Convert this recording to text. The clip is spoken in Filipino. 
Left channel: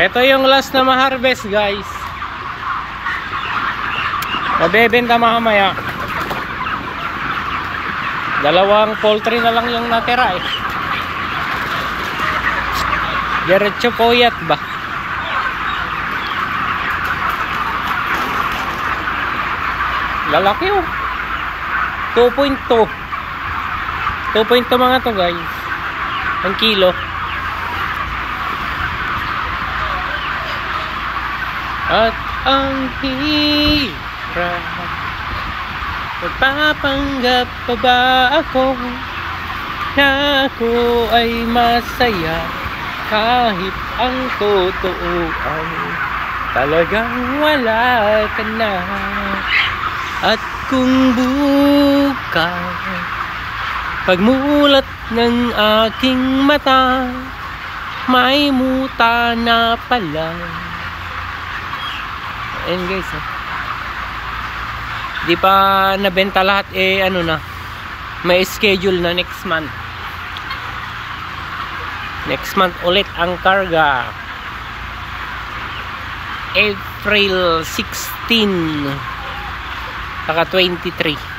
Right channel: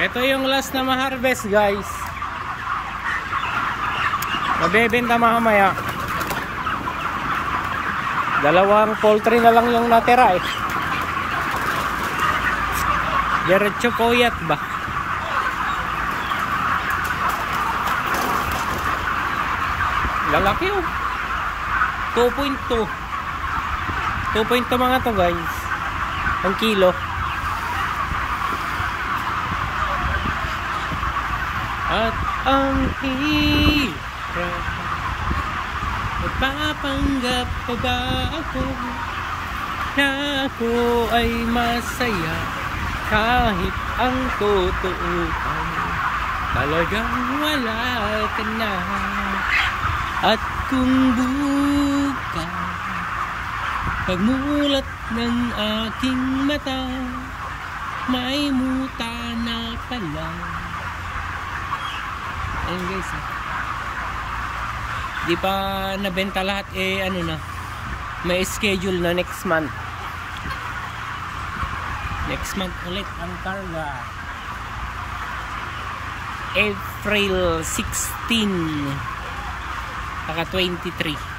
Ito yung last na ma-harvest, guys. Mabebenta mamaya. Dalawang poultry na lang yung natira eh. Diretso poyat ba? Lalaki oh. 2.2 mga to, guys. Ang kilo. At ang hirap, magpapanggap pa ba ako na ako ay masaya kahit ang totoo ay talagang wala ka na. At kung bukas pagmulat ng aking mata may muta na pala. Ayan guys, di pa nabenta lahat eh, ano na, may schedule na next month ulit ang karga. April 16 saka 23.